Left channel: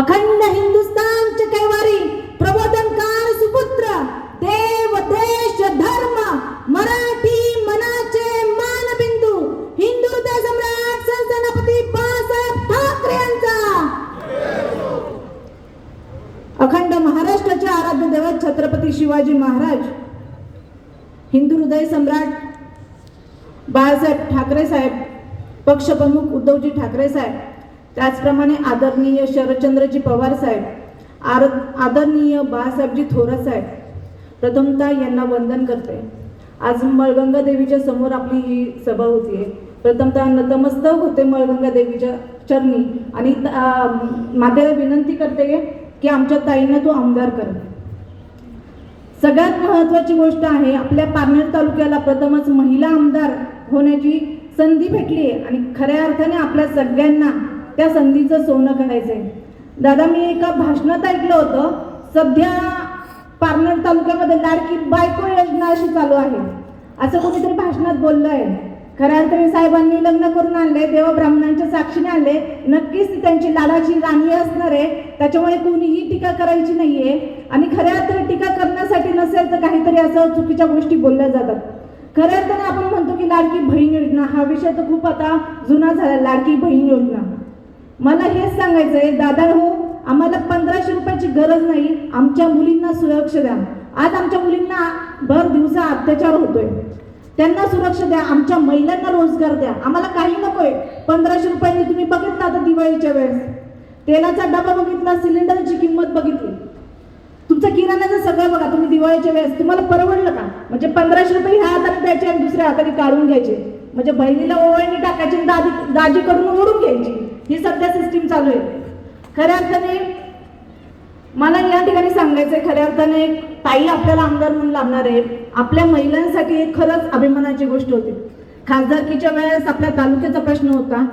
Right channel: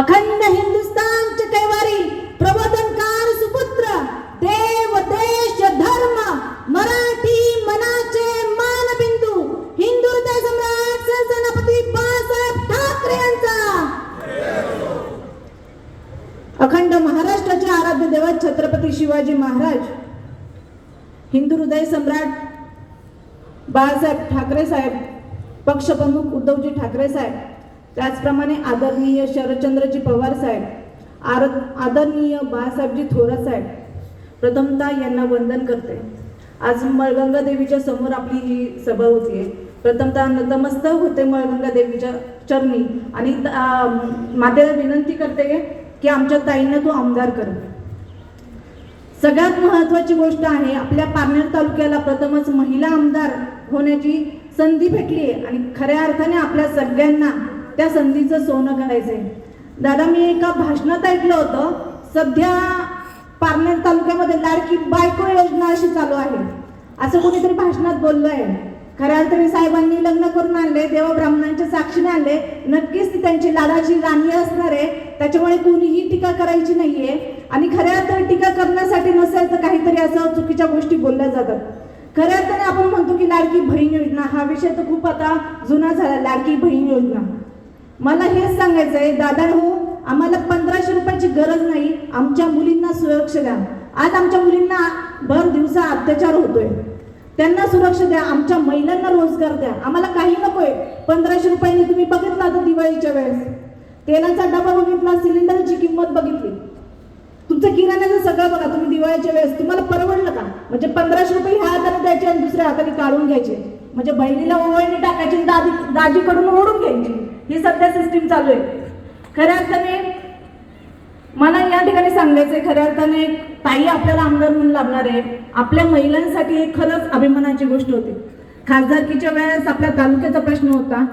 अखंड हिंदुस्थानचे कैवारी प्रबोधनकार सुपुत्र देव देश धर्म मराठी मनाचे मानबिंदू हिंदू हृदय सम्राट सेनापती बाळासाहेब ठाकरे यांचा अखंड महाराष्ट्राचे आराध्य दैवत छत्रपती शिवाजी महाराज हिंदू हृदय सम्राट बाळासाहेब ठाकरे साहेब पक्षप्रमुख उद्धवजी ठाकरे साहेब त्याचप्रमाणे आदरणीय शरदचंद्रजी पवार साहेब आदरणीय बाळासाहेबजी थोरात साहेब प्रथमतः यांना वंदन करते। आज मळगंगा देवीच्या समोर आपली ही सभा होती। प्रथमतः नतमस्तक होते मळगंगा देवीच्या चरणी आणि माझ्याला विनंती करते की आमच्या ताईंना तो आमदार कर। सगळ्यात महत्त्वाची गोष्ट आहे आपल्या पारनेर तालुक्याला प्रथमच महिला आमदार होण्याची संधी भेटली आहे आणि खऱ्या अर्थाने आपल्या सगळ्यांना त्या संधीचं सोनं करायचं आहे। दादा मी एका भाषणात ऐकलं होतं सध्या पारनेर तालुक्यामध्ये लाडकी बायको योजना अशी चालू आहे असं कोणीतरी भाषणात बोललं आहे। खऱ्या अर्थाने साहेबांनी लग्न करून आणले देव ब्राह्मणांच्या साक्षीने आणले नक्कीच ती त्यांची लाडाची राणी असणार आहे त्याच्यामुळे कोणीही टीका करायची नाहीये आणि खऱ्या अर्थाने टीका करण्यासाठी नसेल तर काहीतरी असं चुकीच्या गोष्टी बोलल्या जातात। खऱ्या अर्थाने आपण म्हणतो की लाडकी बहीण योजना हा विषय तर खूप आता जुना झाला। लाडकी बहीण योजना मला हेच सांगायचं आहे दादा हो आम्हाला 1500 रुपयाची गरज नाही आमच्या मुलींना सुरक्षा द्या। आज आमच्या मुलींना भर दिवसा अत्याचार होतोय त्यांना सुरक्षा द्या आमच्या महिलांना रोजगार द्या आम्हाला काही नकोय। 1500 रुपयांनी तुम्ही बघितलं आता दिवाळीच्या वेळेस तेलाचा डबा बघितला सिलेंडरची किंमत बघितली तुमचं किराण्याचं सगळं बघा तुम्ही दिवाळीच्या वेळेस तुम्हाला परवडलं का? म्हणजे 1500 रुपये ह्या हाताने द्यायचे आणि दुसऱ्या हाताने काढून घ्यायचे म्हणजे बहिणीला ओवाळणी टाकायची दाजीकडून ओढून घ्यायची ही सध्या सिस्टीम चालू आहे। खऱ्या अर्थाने मला या ठिकाणी सांगायचंय खऱ्या अर्थाने ताई आपल्याला आमदार म्हणून लाभणार आहे आपल्या महिलांसाठी एक खरंच अभिमानाची गोष्ट होती। खासदारकीच्या वेळेस आपल्या तालुक्याचा प्रश्न होता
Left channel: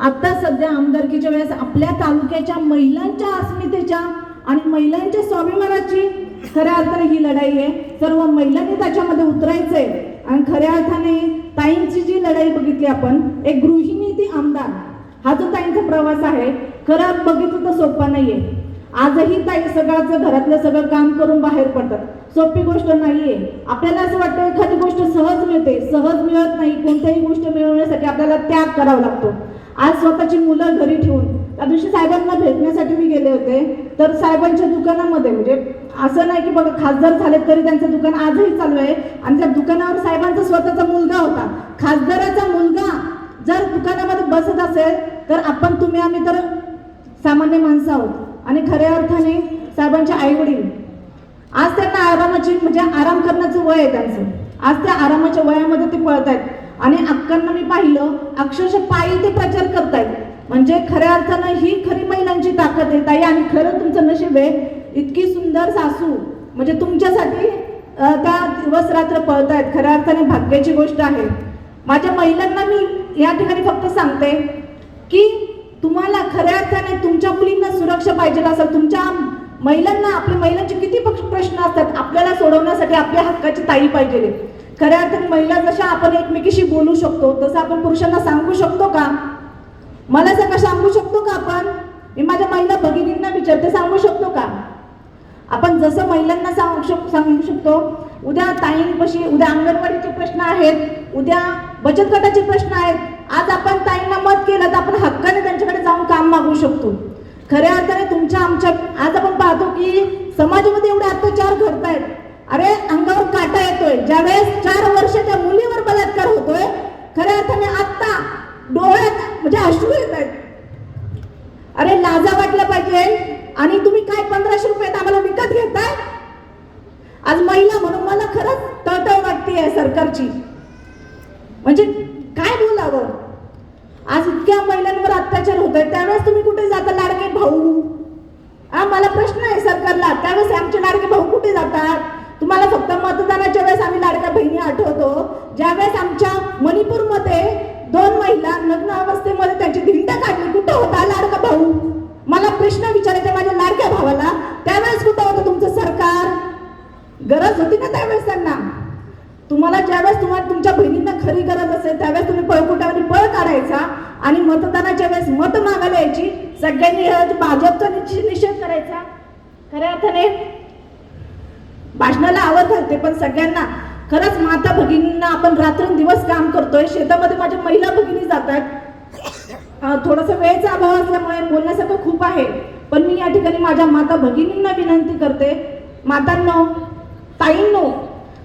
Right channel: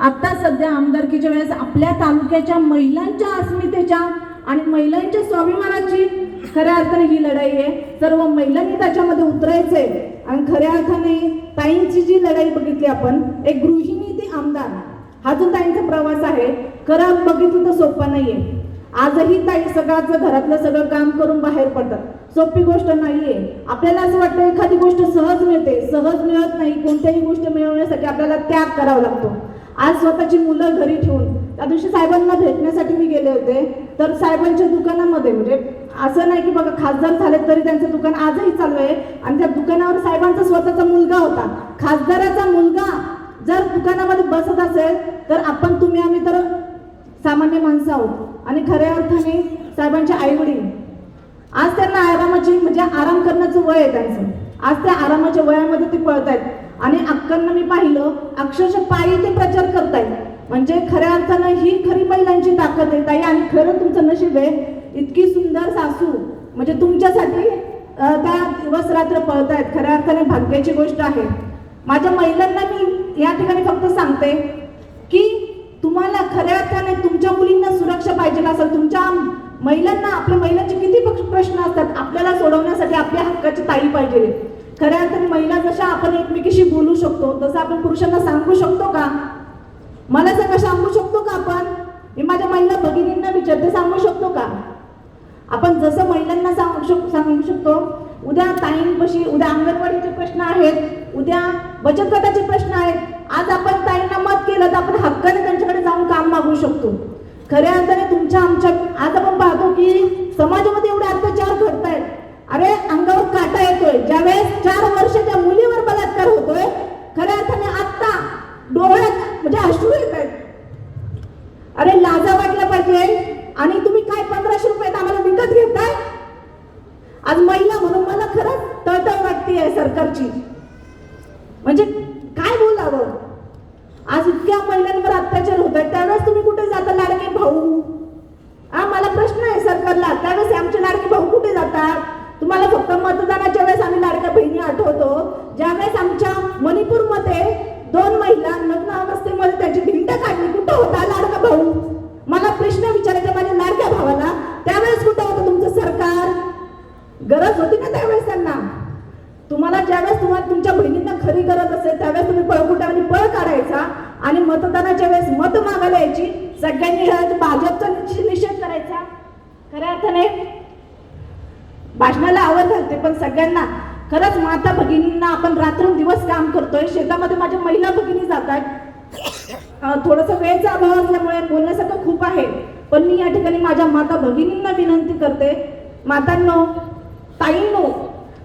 आता सध्या आमदारकीच्या वेळेस आपल्या तालुक्याच्या महिलांच्या अस्मितेच्या आणि महिलांच्या स्वाभिमानाची खऱ्या अर्थाने ही लढाई आहे। सर्व महिलांनी त्याच्यामध्ये उतरायचंय आणि खऱ्या अर्थाने ताईंची जी लढाई बघितली आपण एक गृहिणी ती आमदार हा जो ताईंचा प्रवास आहे खरं बघितलं तर सोपा नाहीये। आजही ताई सगळ्याचं घरातलं सगळं काम करून बाहेर पडतात सोपी गोष्ट नाहीये। आपल्याला असं वाटतं एखादी गोष्ट सहज मिळते सहज मिळत नाही कोणत्याही गोष्ट मिळवण्यासाठी आपल्याला त्याग करावा लागतो। आज स्वतःची मुलं घरी ठेवून त्या दिवशी साहेबांना भेटण्यासाठी मी गेले होते तर साहेबांच्या दुकानामध्ये म्हणजे असं नाही की बघा खासदार झाले तरी त्यांचं दुकान आजही चालू आहे आणि त्या दुकानावर साहेबांचा स्वतःचा मुलगा होता। खासदाराचा मुलगा जर दुकानामध्ये बसत असेल तर आपण तुम्ही आम्ही तर सामान्य माणसं आहोत आणि खऱ्या अर्थाने साहेबांचे आई वडील आज त्यांना आरामाची म्हणजे आराम करण्याचं वय आहे त्यांचं आज त्या आरामाच्या वयामध्ये ते पळतायत आणि अक्कांना मी पाहिलं अक्षरशः पायी ते प्रचार करतायत म्हणजे खऱ्या अर्थानं ही खरी महिलांची ताकद आहे ताई आणि खरं तुमचं नशीब आहे इतकी सुंदर सासू म्हणजे तुमच्यासाठी त्या दिवस रात्र पळतायत खऱ्या अर्थाने भाग्याची गोष्ट आहे। माझ्या महिलांना मी या ठिकाणी फक्त सांगते की तुम्हाला खऱ्या अर्थाने तुमच्या मुलींना सुरक्षा पाहिजे असेल तुमच्या महिलांना आपल्या महिलांचे किती प्रश्न असतात आपल्याला सोडवण्यासाठी आपल्या हक्काची ताई पाहिजे। खऱ्या अर्थाने महिला जशा आपण एकमेकीशी बोलू शकतो तसं आपण पुरुषांना सांगू शकतो का? मला सांगू शकतो का आपण? मी माझ्या महिला भगिनींना विचारते सांगू शकतो का? आपण जसं महिलांना सांगू शकतो उद्या ताईंपाशी उद्या अंगणवाडीचे प्रश्न आहेत उद्या बचत गटाचे प्रश्न आहेत आज आपण ताईंना मत केलं तर आपण हक्काने त्यांच्याकडे जाऊन काम मागू शकतो। खऱ्या अर्थाने तुमच्या आमच्या आज आपण पाहतो की समाजामध्ये एवढे अत्याचार घडतायत अरे अंगावर काटा येतोय ज्यावेळेस 4 वर्षाच्या मुलीवर बलात्कार होतोय खऱ्या अर्थाने आता डोळ्यात म्हणजे अश्रू येत आहेत अरे लाजा वाटलं पाहिजे आणि तुम्ही काय 1500 रुपयात आम्हाला विकत घेताय। आज महिला म्हणून मला खरंच तळतळ वाटते सरकारची म्हणजे काय बोलावं आज इतक्या महिलांवर अत्याचार होत आहेत त्यावेळेस तुम्ही कुठे जाता लाडके भाऊ मला प्रश्न आहे सरकारला त्यावेळेस आमचे लाडके भाऊ कुठे जातात? तुम्हाला फक्त मतदानाच्या वेळेस आम्ही लाडक्या बहिणी आठवतो ज्यावेळेस आमच्या मणिपूरमध्ये 2 महिला लग्न अवस्थेमध्ये त्याची धिंड काढली कुठं होता लाडका भाऊ? मला प्रश्न विचारायचा माझ्या लाडक्या भावाला त्यावेळेस कुठं होतं तुमचं सरकार? गरज होती ना त्यावेळेस त्यांना तुम्हाला ज्यावेळेस तुमच्या बहिणींना खरी गरज असेल त्यावेळेस तुम्ही पळकुटाने पळ काढायचा आणि मतदानाच्या वेळेस मत मागायला यायची सगळ्यांनी भाजपचं अर्थाने भाषणाला आवाज घालते, पण सगळ्यांना खरंच माता भगिनींना आपण रात्रंदिवस काम करतोय. शेतामध्ये माझ्या महिला भगिनी जातात. थोडंसं वेळेचा अभाव असल्यामुळे बोलण्यासारखं खूप आहे, पण मी या ठिकाणी माझ्या माता भगिनींना विनंती करते, मातांनो, ताईंनो,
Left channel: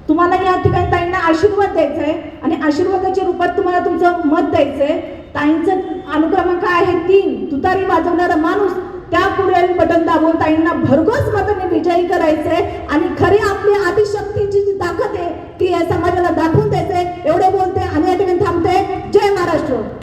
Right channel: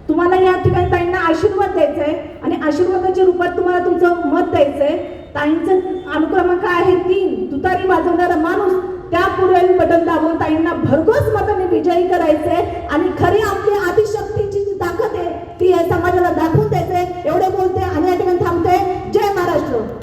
तुम्हाला या ठिकाणी ताईंना आशीर्वाद द्यायचा आहे आणि आशीर्वादाच्या रूपात तुम्हाला तुमचं मत द्यायचंय. ताईंचं अनुक्रमांक आहे 3. तुतारी वाजवणारा माणूस त्या पुढे बटन दाबून ताईंना भरघोस मताने विजयी करायचंय.